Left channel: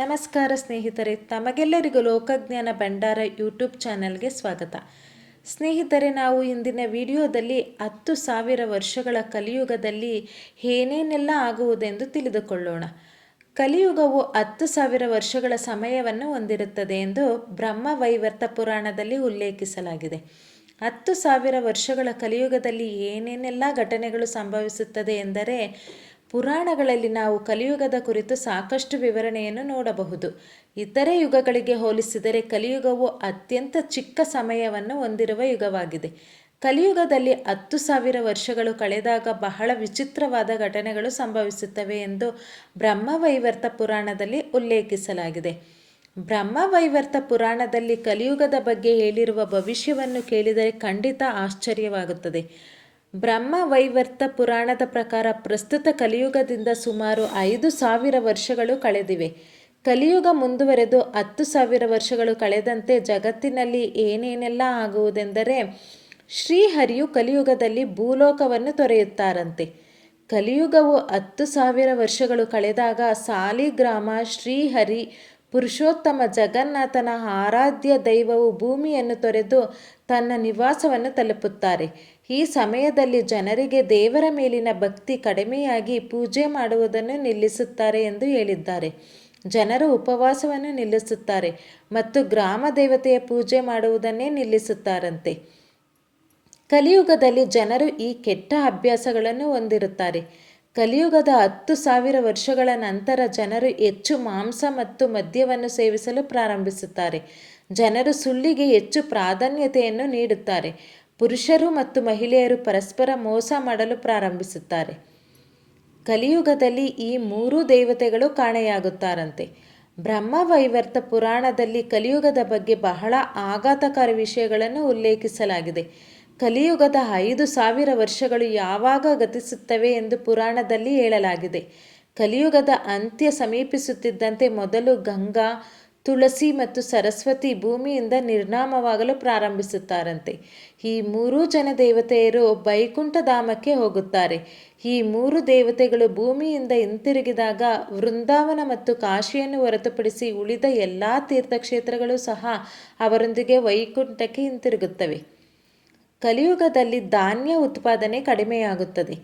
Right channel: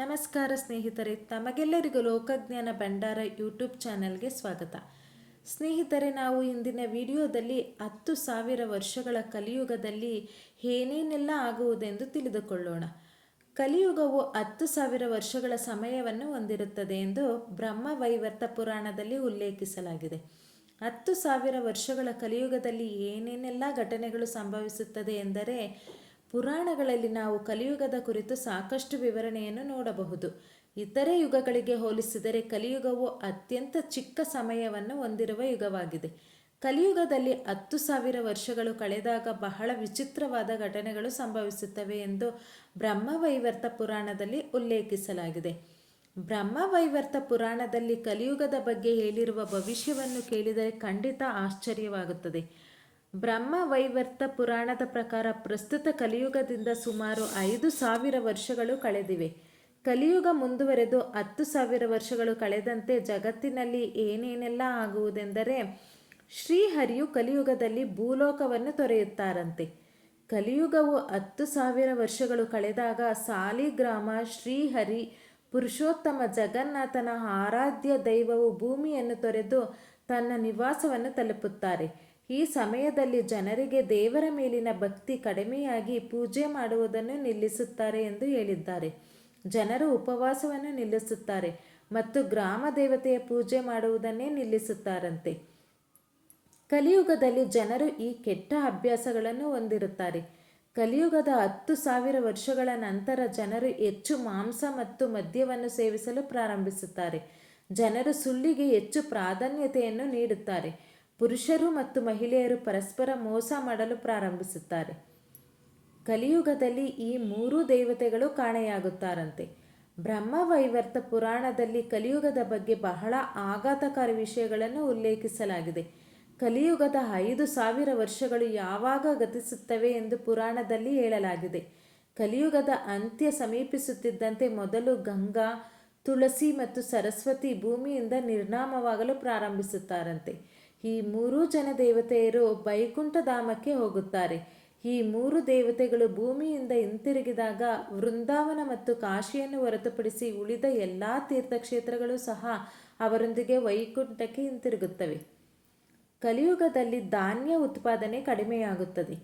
ನಮಸ್ಕಾರ ಸ್ನೇಹಿತರೆ, ತಮಗೆಲ್ಲರಿಗೂ ಲೋಕಜ್ಞಾನ ಭಂಡಾರ ಯೂಟ್ಯೂಬ್ ಚಾನೆಲ್ಗೆ ಸ್ವಾಗತ. ಸ್ನೇಹಿತರೆ, ನಾವು ಇಂದಿನ ವಿಡಿಯೋದಲ್ಲಿ ಹತ್ತು ಸಾವಿರ ವರ್ಷಗಳ ಕಲಿಯುಗದಲ್ಲಿ ಏನೇನೆಲ್ಲ ಆಗುವುದೆಂದು ತಿಳಿದುಕೊಳ್ಳೋಣ. ಕಲಿಯುಗವು ಹತ್ತು ಸಾವಿರ ವರ್ಷಗಳ ಸಮಯವನ್ನು ಹೊಂದಿರುತ್ತದೆ ಎಂದು ಬ್ರಹ್ಮವೈವರ್ತ ಪುರಾಣದಲ್ಲಿ ಉಲ್ಲೇಖಿಸಲಾಗಿದೆ. ಹತ್ತು ಸಾವಿರ ವರ್ಷಗಳ ಕಲಿಯುಗದಲ್ಲಿ ಏನೇನೆಲ್ಲ ಘಟನೆಗಳು ಸಂಭವಿಸುತ್ತದೆ ಎಂದರೆ ಪುರಾಣಗಳಲ್ಲಿ ನಾವು ಕಲಿಯುಗದ ಕುರಿತು ಸಾಕಷ್ಟು ವಿವರಣೆಯನ್ನು ನೋಡಬಹುದು. ಇತರೆ ಯುಗಗಳಿಗೆ ಹೋಲಿಸಿದರೆ ಕಲಿಯುಗವು ಅತ್ಯಂತ ಚಿಕ್ಕ ಸಮಯವನ್ನು ಹೊಂದಿರುವ ಯುಗವಾಗಿದೆ. ಕಲಿಯುಗದಲ್ಲಿ ಹತ್ತು ಸಾವಿರ ವರ್ಷಗಳು ಕಳೆದಾಗ ಬಹಳ ವಿಚಿತ್ರವಾದ ಘಟನೆಗಳು ಸಂಭವಿಸುತ್ತವೆ ಎಂದು ಬ್ರಹ್ಮವೈವರ್ತ ಪುರಾಣದಲ್ಲಿ ಉಲ್ಲೇಖಿಸಲಾಗಿದೆ. ಬ್ರಹ್ಮವೈವರ್ತ ಪುರಾಣದಲ್ಲಿ ಕಲಿಯುಗದ ಬಗ್ಗೆ ಹೇಳಿರುವ ಭವಿಷ್ಯವನ್ನು ಕೇಳಿದರೆ ಖಂಡಿತ ಆಶ್ಚರ್ಯವಾಗುತ್ತದೆ. ಬ್ರಹ್ಮ ವೈವರ್ತ ಪುರಾಣದ ಪ್ರಕಾರ ಪ್ರಸ್ತುತ ಕಲಿಯುಗದಿಂದ ಸುಮಾರು ಐದು ಸಾವಿರ ವರ್ಷಗಳು ಕಳೆದಿವೆ. ಕಲಿಯುಗ ಮುಂದುವರೆದು ಹತ್ತು ಸಾವಿರ ವರ್ಷಗಳು ಕಳೆದಂತೆ ಜಗತ್ತಿನಲ್ಲಿ ಏನೇನೆಲ್ಲ ಆಗುವುದೆಂದರೆ ಶ್ರೀಹರಿಯು ಕಲಿಯುಗದಲ್ಲಿ ಭೂಲೋಕವನ್ನು ತೊರೆಯುತ್ತಾರಂತೆ. ಕಲಿಯುಗವು ಹತ್ತು ಸಾವಿರ ವರ್ಷಗಳು ಕಳೆದಾಗ ಸಾಲಿಗ್ರಾಮ ಶ್ರೀಹರಿ ಪುರುಷೋತ್ತಮ ಜಗನ್ನಾಥನ ಆರಾಧ್ಯ ದೈವವು ಭೂಮಿಯನ್ನು ತೊರೆದು ತನ್ನ ನಿವಾಸವನ್ನು ತಲುಪುತ್ತಾರೆ. ಈ ಸಮಯದಲ್ಲಿ ಜನರಿಗೆ ದೇವರ ಮೇಲಿನ ಭಕ್ತಿ ಕಡಿಮೆಯಾಗಿ ಪೂಜೆ ಮಾಡುವುದನ್ನು ನಿಲ್ಲಿಸುತ್ತಾರೆ ಎಂದು ಹೇಳಿದ್ದಾರೆ. ಜನರು ಉಪವಾಸವನ್ನು ನಿಲ್ಲಿಸುತ್ತಾರೆ ಮತ್ತು ಗ್ರಾಮ ದೇವತೆಯ ಪೂಜೆ ಮಾಡುವುದನ್ನೇ ನಿಲ್ಲಿಸುತ್ತಾರಂತೆ. ಕಲಿಯುಗದಲ್ಲಿ ಜನರು ಈ ಕೆಟ್ಟ ಅಭ್ಯಾಸಗಳನ್ನು ಹೊಂದಿರುತ್ತಾರೆ. ಕಲಿಯುಗದ ಹತ್ತು ಸಾವಿರ ವರ್ಷಗಳ ನಂತರ ಜನರು ಹೆಚ್ಚು ಮಾಂಸ ಮತ್ತು ಮದ್ಯವನ್ನು ಸೇವಿಸಲು ಪ್ರಾರಂಭಿಸುತ್ತಾರೆ. ಜನರು ಸುಳ್ಳಿಗೆ ಹೆಚ್ಚು ಪ್ರಾಧಾನ್ಯತೆಯನ್ನು ನೀಡುತ್ತಾರೆ. ಪುರುಷರು ಮತ್ತು ಮಹಿಳೆಯರು ಪರಸ್ಪರ ಮೋಸ ಮಾಡಲು ಪ್ರಾರಂಭಿಸುತ್ತಾರೆ. ಕಲಿಯುಗದಲ್ಲಿ ಈ ಮೂರು ದೇವತೆಗಳು ಕಾಣೆಯಾಗುತ್ತಾರಂತೆ. ಬ್ರಹ್ಮವೈವರ್ತ ಪುರಾಣದಲ್ಲಿ ಕಲಿಯುಗದ ಬಗ್ಗೆ ಬಹಳ ಆಘಾತಕಾರಿ ವಿಷಯಗಳನ್ನು ಉಲ್ಲೇಖಿಸಲಾಗಿದೆ. ಕಲಿಯುಗದ ಐದು ಸಾವಿರ ವರ್ಷಗಳು ಯಾವಾಗ ಗತಿಸುತ್ತವೆ ಎಂದು ಪುರಾಣದಲ್ಲಿ ಹೇಳಲಾಗಿದೆ. ಕಲಿಯುಗದ ಅಂತ್ಯ ಸಮೀಪಿಸುತ್ತಿದ್ದಂತೆ ಮೊದಲು ಗಂಗಾ ತುಳಸಿ ಮತ್ತು ಸರಸ್ವತಿ ಭೂಮಿಯಿಂದ ನಿರ್ನಾಮವಾಗಲು ಪ್ರಾರಂಭಿಸುತ್ತಾರಂತೆ. ಈ ಮೂರೂ ಜನ ದೇವತೆಯರು ವೈಕುಂಠಧಾಮಕ್ಕೆ ಹೋಗುತ್ತಾರೆ. ಈ ಮೂರು ದೇವತೆಗಳು ಭೂಮಿಯಿಂದ ಹಿಂತಿರುಗಿದಾಗ ವೃಂದಾವನ ಮತ್ತು ಕಾಶಿಯನ್ನು ಹೊರತುಪಡಿಸಿ ಉಳಿದ ಎಲ್ಲ ತೀರ್ಥಕ್ಷೇತ್ರಗಳು ಸಹ ಅವರೊಂದಿಗೆ ವೈಕುಂಠಕ್ಕೆ ಹಿಂತಿರುಗುತ್ತವೆ. ಕಲಿಯುಗದಲ್ಲಿ ಧಾನ್ಯ ಉತ್ಪಾದನೆ ಕಡಿಮೆಯಾಗುತ್ತದೆ.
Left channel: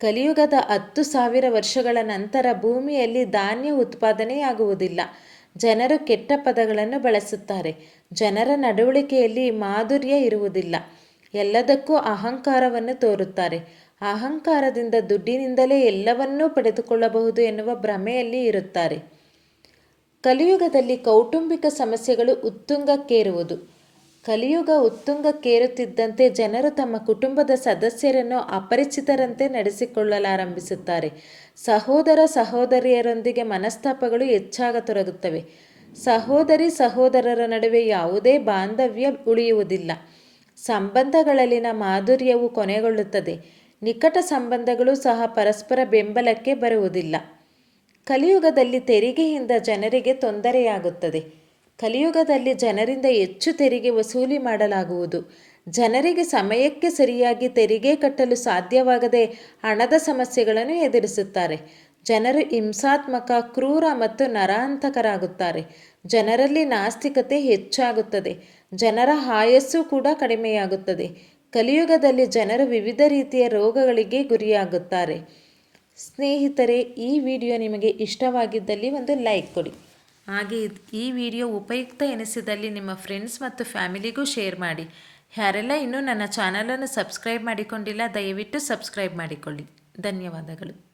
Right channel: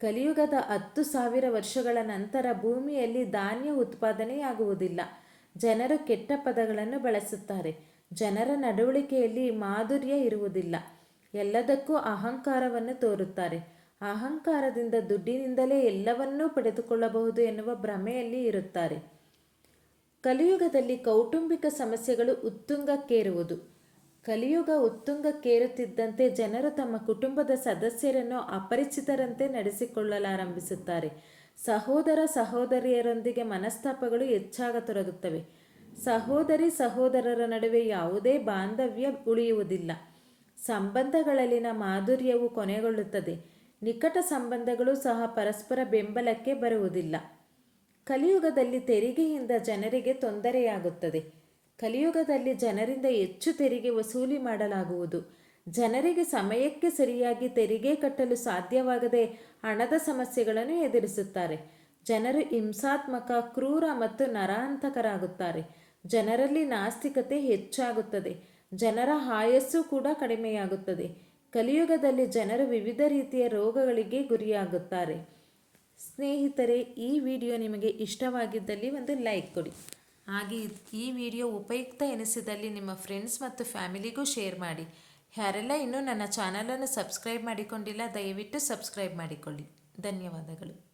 ಕಲಿಯುಗದ ಹತ್ತು ಸಾವಿರ ವರ್ಷಗಳ ನಂತರ ಭೂಮಿಯಲ್ಲಿ ಧಾನ್ಯ ಉತ್ಪಾದನೆಯಾಗುವುದಿಲ್ಲ. ಜನರು ಕೆಟ್ಟ ಪದಗಳನ್ನು ಬಳಸುತ್ತಾರೆ. ಜನರ ನಡವಳಿಕೆಯಲ್ಲಿ ಮಾಧುರ್ಯ ಇರುವುದಿಲ್ಲ. ಎಲ್ಲದಕ್ಕೂ ಅಹಂಕಾರವನ್ನು ತೋರುತ್ತಾರೆ. ಅಹಂಕಾರದಿಂದ ದುಡ್ಡಿನಿಂದಲೇ ಎಲ್ಲವನ್ನೂ ಪಡೆದುಕೊಳ್ಳಬಹುದು ಎನ್ನುವ ಭ್ರಮೆಯಲ್ಲಿ ಇರುತ್ತಾರೆ. ಕಲಿಯುಗದಲ್ಲಿ ಕೌಟುಂಬಿಕ ಸಮಸ್ಯೆಗಳು ಉತ್ತುಂಗಕ್ಕೇರುವುದು. ಕಲಿಯುಗ ಉತ್ತುಂಗಕ್ಕೇರುತ್ತಿದ್ದಂತೆ ಜನರು ತಮ್ಮ ಕುಟುಂಬದ ಸದಸ್ಯರನ್ನು ಅಪರಿಚಿತರಂತೆ ನಡೆಸಿಕೊಳ್ಳಲಾರಂಭಿಸುತ್ತಾರೆ. ಸಹೋದರ ಸಹೋದರಿಯರೊಂದಿಗೆ ಮನಸ್ತಾಪಗಳು ಹೆಚ್ಚಾಗತೊಡಗುತ್ತವೆ ಸಹೋದರಿ ಸಹೋದರರ ನಡುವೆ ಯಾವುದೇ ಬಾಂಧವ್ಯ ಉಳಿಯುವುದಿಲ್ಲ. ಸಂಬಂಧಗಳಲ್ಲಿನ ಮಾಧುರ್ಯವು ಕೊನೆಗೊಳ್ಳುತ್ತದೆ. ನಿಕಟ ಸಂಬಂಧಗಳು ಸಹ ಪರಸ್ಪರ ಬೆಂಬಲಕ್ಕೆ ಬರುವುದಿಲ್ಲ. ಕಲಿಯುಗದಲ್ಲಿ ತೆರಿಗೆಯಿಂದ ಜನರಿಗೆ ತೊಂದರೆಯಾಗುತ್ತದೆ. ಕಲಿಯುಗದಲ್ಲಿ ಜನರಿಂದ ಹೆಚ್ಚು ತೆರಿಗೆ ವಸೂಲಿ ಮಾಡಲಾಗುವುದು. ಜನರಿಗೆ ಸಮಯಕ್ಕೆ ಸರಿಯಾಗಿ ತೆರಿಗೆ ಕಟ್ಟಲು ಸಾಧ್ಯವಾಗದೆ ಹಣದ ಸಮಸ್ಯೆಗಳನ್ನು ಎದುರಿಸುತ್ತಾರೆ. ಜನರು ಹಿಂಸಾತ್ಮಕ, ಕ್ರೂರ ಮತ್ತು ನರಾಂತಕರಾಗುತ್ತಾರೆ. ಜನರಲ್ಲಿ ನಾಸ್ತಿಕತೆ ಹೆಚ್ಚಾಗುತ್ತದೆ. ಜನರ ಆಯಸ್ಸು ಕೂಡ ಕಡಿಮೆಯಾಗುತ್ತದೆ. ಕಲಿಯುಗದಲ್ಲಿ ಜನರು ವಿವಿಧ ರೀತಿಯ ರೋಗಗಳಿಗೆ ಗುರಿಯಾಗುತ್ತಾರೆ. ಸ್ನೇಹಿತರೆ, ಈ ವಿಡಿಯೋ ನಿಮಗೆ ಇಷ್ಟವಾಗಿದ್ದಲ್ಲಿ ಒಂದು ಲೈಕ್ ಕೊಡಿ. ಹಾಗೆ ಈ ವಿಡಿಯೋ ಉಪಯುಕ್ತ ಎನಿಸಿದಲ್ಲಿ ನಿಮ್ಮ ಫ್ರೆಂಡ್ಸ್ ಮತ್ತು ಫ್ಯಾಮಿಲಿಗೂ ಶೇರ್ ಮಾಡಿ. ಯಾರೆಲ್ಲ ಇನ್ನೂ ನನ್ನ ಚಾನಲನ್ನು ಸಬ್ಸ್ಕ್ರೈಬ್ ಮಾಡಿಕೊಂಡಿಲ್ಲ, ದಯವಿಟ್ಟು ಸಬ್ಸ್ಕ್ರೈಬ್ ಮಾಡಿಕೊಳ್ಳಿ. ಧನ್ಯವಾದಗಳು.